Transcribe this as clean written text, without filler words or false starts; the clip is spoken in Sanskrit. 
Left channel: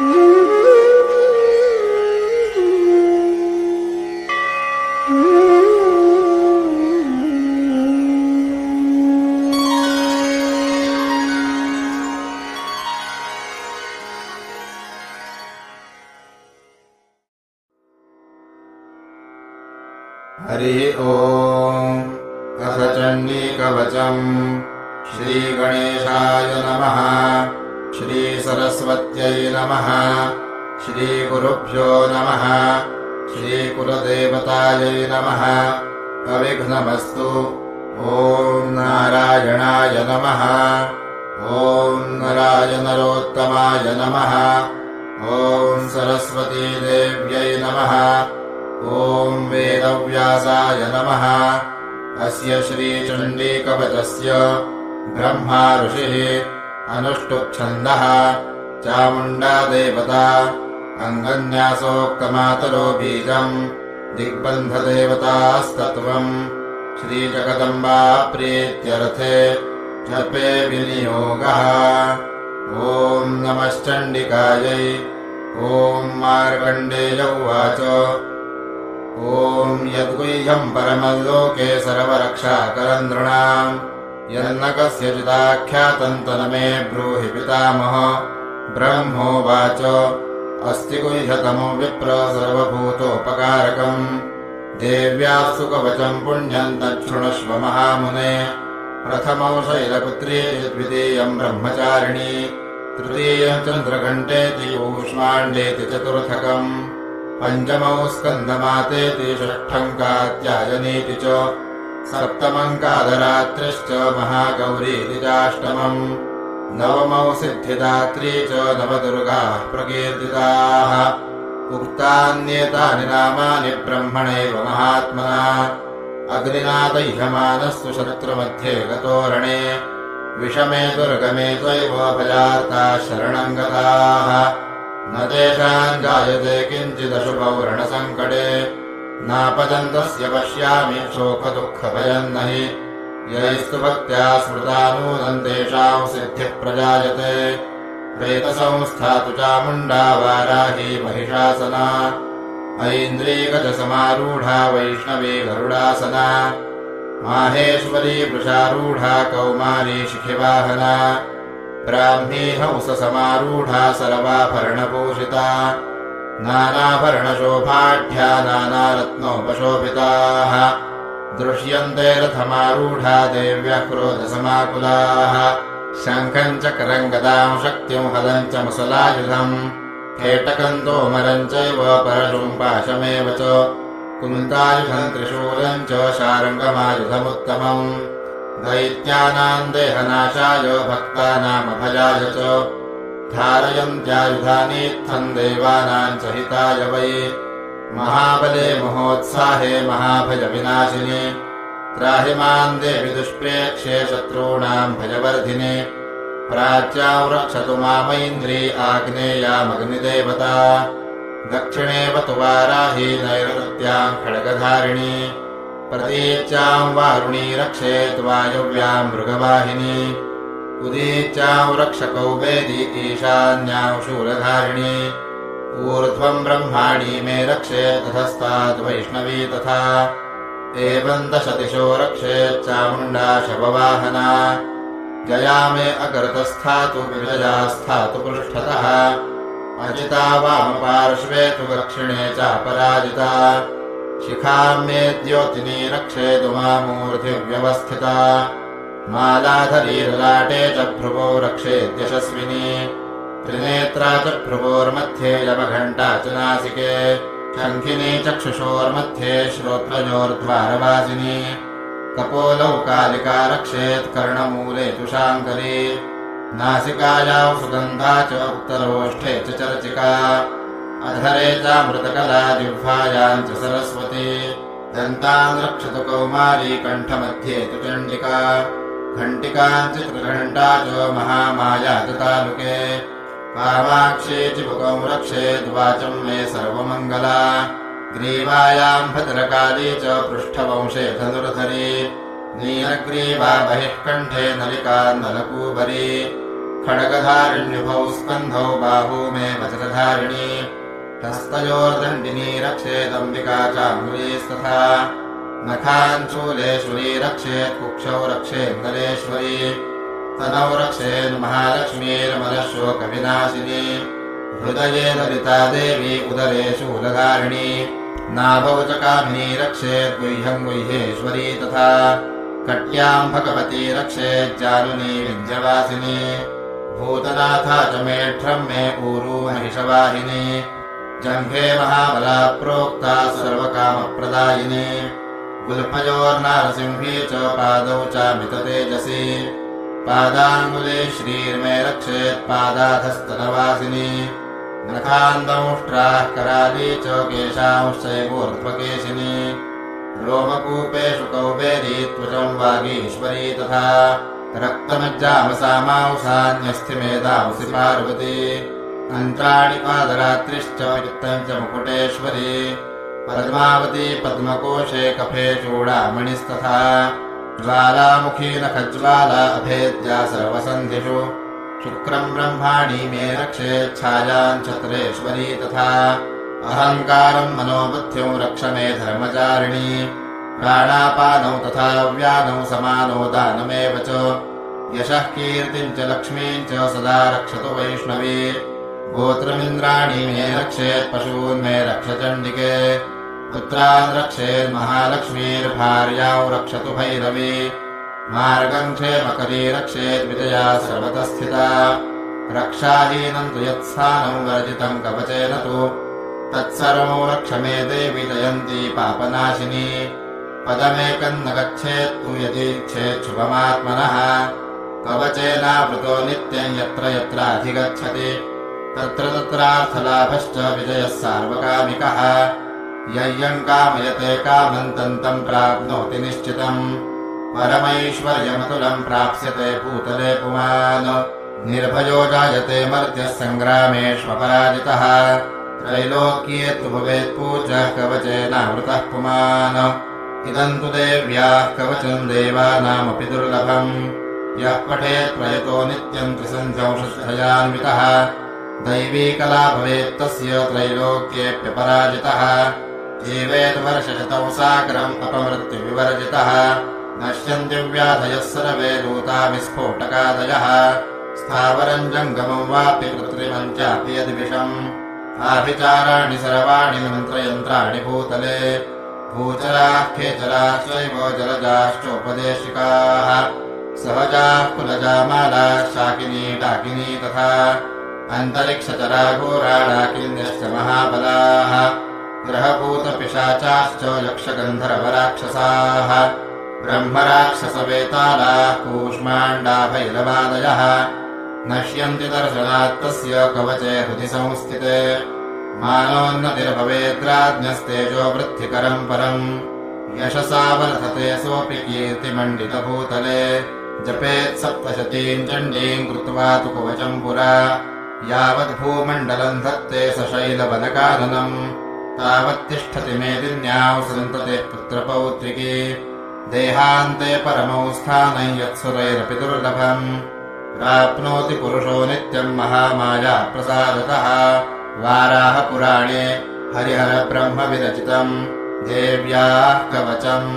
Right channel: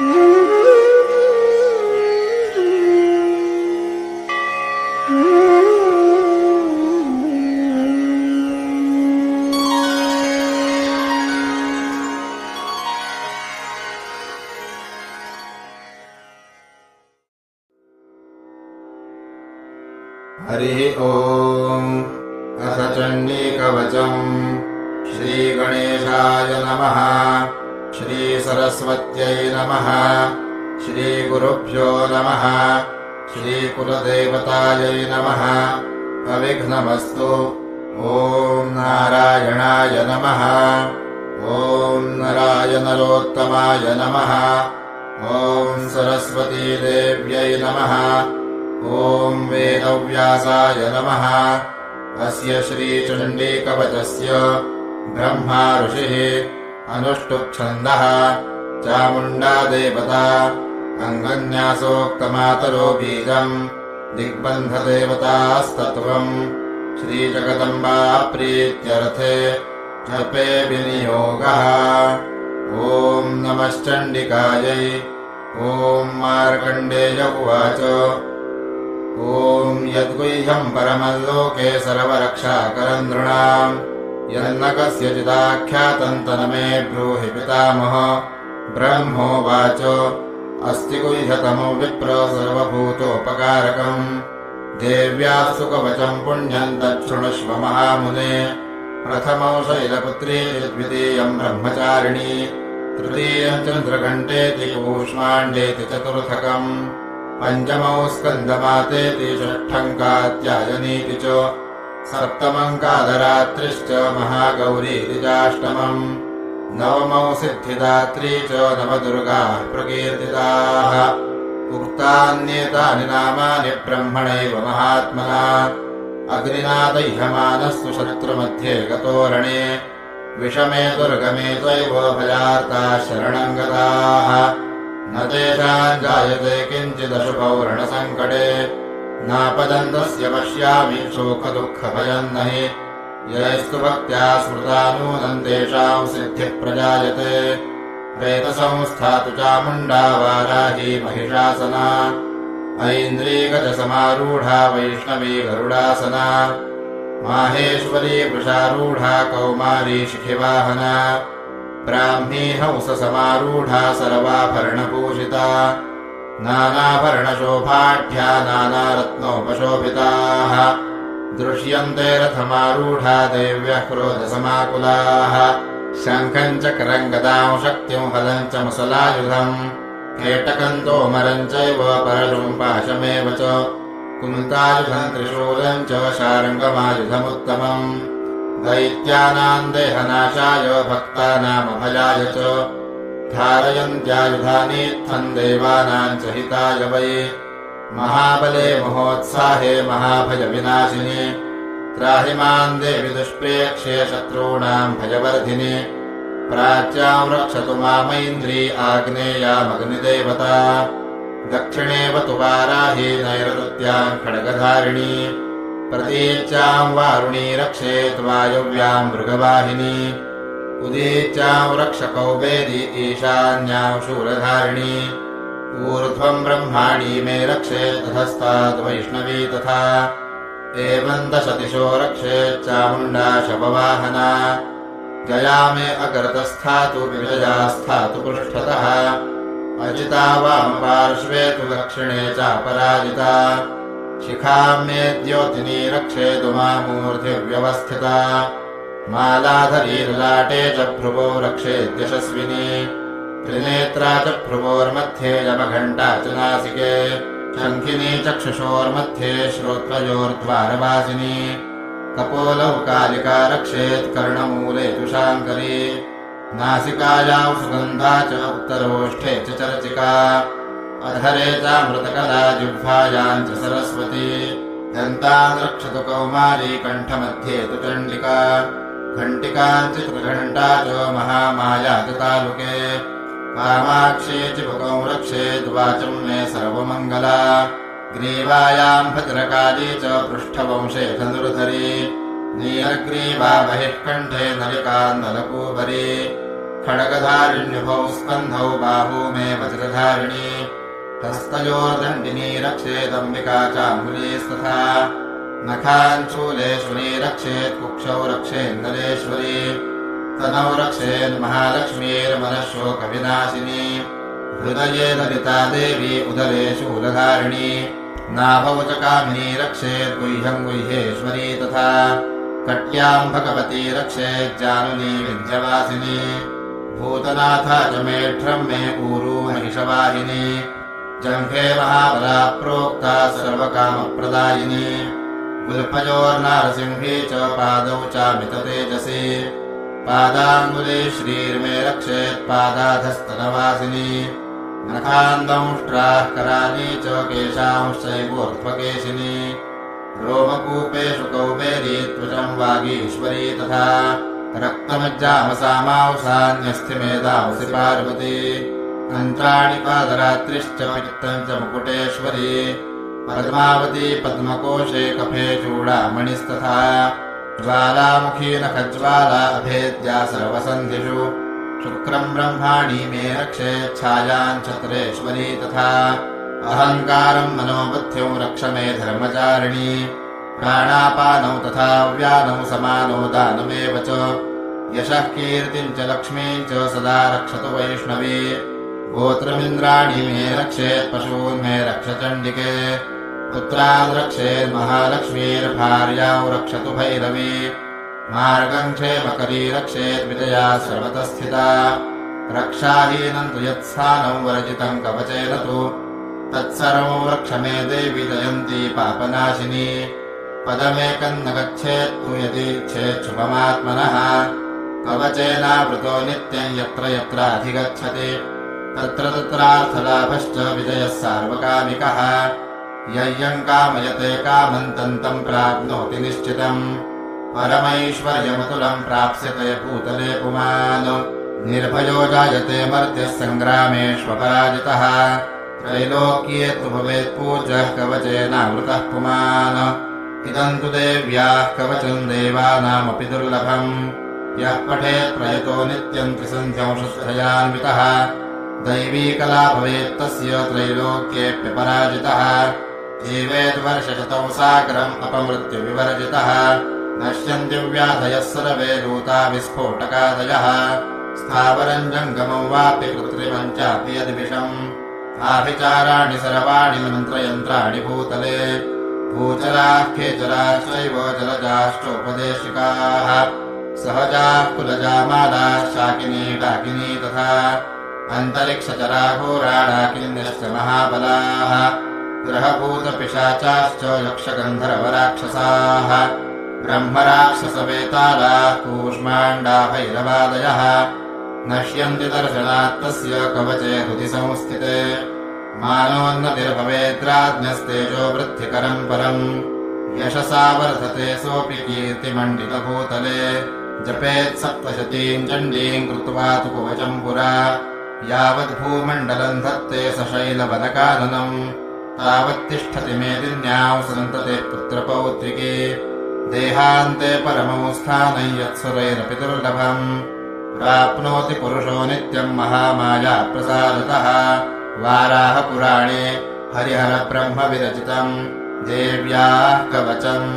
हरिः ओम्। अथ चण्डीकवचम्। श्रीगणेशाय नमः। श्रीसरस्वत्यै नमः। श्रीगुरुभ्यो नमः। श्रीकुलदेवतायै नमः। अविघ्नमस्तु। ॐ नारायणाय नमः। ॐ नराय नरोत्तमाय नमः। ॐ सरस्वतीदेव्यै नमः। ॐ वेदव्यासाय नमः। अस्य श्रीचण्डीकवचस्य ब्रह्मा ऋषिः अनुष्टुप्छन्दः चामुण्डा देवता अङ्गन्यासोक्तमातरो बीजम् दिग्बन्धदेवतास्तत्त्वम् श्रीजगदम्बा प्रीत्यर्थे जपे विनियोगः। ॐ नमश्चण्डिकायै। ॐ मार्कण्डेय उवाच ॐ यद्गुह्यम् परमल्लोके सर्वरक्षाकरम् नृणाम् यन्न कस्यचिदाख्यातम् तन्मे ब्रूहि पितामह। ब्रह्मोवाच अस्ति गुह्यतमो विप्र सर्वभूतोपकारकम् देव्याः सुकवचम् पुण्यम् तच्छृणुष्व महामुने। प्रथमौ शैलपुत्रीति द्वितीयम् ब्रह्मचारिणी तृतीयम् चन्द्रघण्टेति कूष्माण्डेति चतुर्थकम् पञ्चमौ स्कन्दमातेति षष्ठम् कात्यायनीति च सप्तमम् कालरात्रिश्च महागौरीति चाष्टमम् नवमौ सिद्धिदात्री च नवदुर्गाः प्रकीर्तिताः। उक्तान्येतानि नामानि ब्रह्मणैव महात्मना अग्निना दह्यमानस्तु शत्रुमध्ये गतोरणे विषमे दुर्गमे चैव भयार्ताः शरणम् गताः। न तेषाम् जायते किञ्चिदशुभौ रणसङ्कटे नापदन्तस्य पश्यामि शोकदुःखभयम् न हि यैस्तु भक्त्या स्मृता नूनम् तेषाम् सिद्धिः प्रजायते। प्रेतसंस्था तु चामुण्डा वाराही महिषासना ऐन्द्रीगजसमारूढा वैष्णवी गरुडासना माहेश्वरी वृषारूढा कौमारी शिखिवाहना ब्राह्मी हंससमारूढा सर्वाभरणभूषिता नानाभरणशोभाढ्या नानारत्नोपशोभिताः दृश्यन्ते रथमारूढा देव्यः क्रोधसमाकुलाः शङ्खम् चक्रम् गदाम् शक्तिम् हलम् च मुसलायुधम् केटकम् तोमरम् चैव परशुम् पाशमेव च कुन्तायुधम् त्रिशूलम् च शार्ङ्गमायुधमुत्तमम् दैत्यानाम् देहनाशाय भक्तानामभयाय च धारयन्त्यायुधानीत्थम् देवानाम् च हिताय वै महाबले महोत्साहे महाभयविनाशिनि त्राहि माम् देवि दुष्प्रेक्ष्ये शत्रूणाम् भयवर्धिनि प्राच्याम् रक्षतु मामैन्द्री आग्नेयामग्निदेवता दक्षिणेवतु वाराही नैऋत्याम् खड्गधारिणी प्रतीच्याम् वारुणी रक्षेत् वायव्याम् मृगवाहिनी उदीच्याम् रक्षकौबेदी ईशान्याम् शूलधारिणी ऊर्ध्वम् ब्रह्माणी मे रक्षेत् ततस्तात् वैष्णवी तथा एवम् दशदिशो रक्षेत् चामुण्डा शववाहना जया मे अकरतस्थातु विजया स्थातु पृष्ठतः अजिता वामपार्श्वे तु दक्षिणे चापराजिता शिखाम् मे द्योतिनी रक्षेतु मामूर्धिव्यवस्थिता मालाधरी ललाटे च भ्रुवौ रक्षेद्यशस्विनी त्रिनेत्रा च भ्रुवोर्मध्ये यमघण्टा च नासिके शङ्खिनी चक्षुषोर्मध्ये श्रोत्रयोर्द्वारवासिनी कपोलौ कालिका रक्षेत् कर्णमूले तु शाङ्करी नासिकायाम् सुगन्धा च उत्तरोष्ठे च चर्चिका अधरे चामृतकला जिह्वायाम् च सरस्वती दन्तान् रक्षतु कौमारी कण्ठमध्ये तु चण्डिका घण्टिकाञ्चित्रघण्टा च महामाया च तालुके कामाक्षी चिबुकौ रक्षेद्वाचम् मे सर्वमङ्गला ग्रीवायाम् भद्रकाली च पृष्ठवंशे धनुर्धरी नीलग्रीवा बहिः कण्ठे नलिका नलकूबरी खड्गधारिण्युभौ स्कन्धौ बाहू मे वज्रधारिणी हस्तयोर्दण्डिनी रक्षेदम्बिका चाङ्गुलीस्तथा नखाञ्चूलेश्वरी रक्षेत् कुक्षौ रक्षेन्नलेश्वरी तनौ रक्षेन्महालक्ष्मीर्मनःशोकविनाशिनी हृदये ललिता देवी उदरे शूलधारिणी नाभौ च कामिनी रक्षेद्गुह्यम् गुह्येश्वरी तथा कट्याम् भगवती रक्षेज्जानुनी विन्ध्यवासिनी भूतनाथा च मेढ्रम् मे ऊरू महिषवाहिनी जङ्घे महाबला प्रोक्ता सर्वकामप्रदायिनी गुल्फयोर्नारसिंही च पादौ चामिततेजसी पादाङ्गुली श्रीर्मे रक्षेत्पादाधस्तनवासिनी नखान्दंष्ट्राः कराली च केशांश्चैवोर्ध्वकेशिनी रोमकूपेषु कौबेरी त्वचम् वागीश्वरी तथा रक्तमज्जामसामांसान्यस्थिमेदांसि पार्वती अन्त्राणि पादरात्रिश्च पित्तम् च मुकुटेश्वरी पद्मावती पद्मकोशे कफे चूडामणिस्तथा ज्वालामुखी नखज्वाला अभेद्या सर्वसन्धिषु शुक्रम् ब्रह्माणि मे रक्षेच्छायाम् छत्रेश्वरी तथा अहङ्कारम् मनोबुद्धिम् रक्ष मे धर्मचारिणी प्राणापानौ तथा व्यानौ समानौ दानमेव च यशः कीर्तिम् च लक्ष्मीम् च सदा रक्षतु वैष्णवी गोत्रमिन्द्राणि मे रक्षेत्पशून् मे रक्ष चण्डिके पुत्रान् रक्षेन्महालक्ष्मीर्भार्याम् रक्षतु भैरवी मार्गम् क्षेमकरी रक्षेद्विजया सर्वतः स्थिता रक्षाहीनम् तु यत्स्थानौ वरजितम् कवचेन तु तत्सर्वौ रक्ष मे देवि जयन्ती पापनाशिनी पदमेकम् न गच्छेत्तु यदीच्छेच्छुभमात्मनः कवचेनावृतो नित्यम् यत्र यत्राधिगच्छति तत्र तत्रार्थलाभश्च विजयः सार्वकामिकः यय्यम् कामयते कामम् तम् प्राप्नोति निश्चितम् परमैश्वर्यमतुलम् प्राप्स्यते भूतले पुमान् निर्भयो जायते मर्त्यः सङ्ग्रामेष्वपराजितः त्रैलोक्ये तु भवेत्पूज्यः कवचेनावृतः पुमान् इदम् तु देव्याः कवचम् देवानामपि दुर्लभम् यः पठेत् प्रयतो नित्यम् त्रिसन्ध्यंशुद्धयान्वितः दैवी कला भवेत्तस्य त्रैलोक्येऽप्यपराजितः जीवेद्वर्षशतम् सागरम् अपमृत्युविवर्जितः नश्यन्ति व्याधयः सर्वे दूता विस्फोटकादयः स्थावरम् जङ्गमम् वापि कृत्रिमम् चापि यद्विषम् आभिचाराणि सर्वाणि मन्त्रयन्त्राणि भूतले भूचराः खेचराश्चैव जलजाश्चोपदेशिकाः सहजाः कुलजामालाः शाकिनी डाकिनी तथा अन्तरिक्षचरा घोरा डाकिन्यश्च महाबलाः ग्रहभूतपिशाचाश्च यक्षगन्धर्वराक्षसाः ब्रह्मराक्षसवेतालाः कूष्माण्डा भैरवादयः नश्यन्ति दर्शनात्तस्य कवचे हृदि संस्थिते मानोन्नतिर्भवेद्राज्ञस्तेजो वृद्धिकरम् परम् यशसा वर्धते सोऽपि कीर्तिमण्डितभूतले जपेत्सप्तशतीम् चण्डीम् कृत्वा तु कवचम् पुरा यावद्भूमण्डलम् धत्ते सशैलवनकाननम् तावत्तिष्ठति मेदिन्याम् सन्ततिः पुत्रपौत्रिकी देहान्ते परमौ स्थानम् यत्सुरैरपि दुर्लभम् प्राप्नोति पुरुषो नित्यम् महामाया प्रसादतः वाराह पुराणे हरिहरब्रह्म विरचितम् देव्याः कवचम्।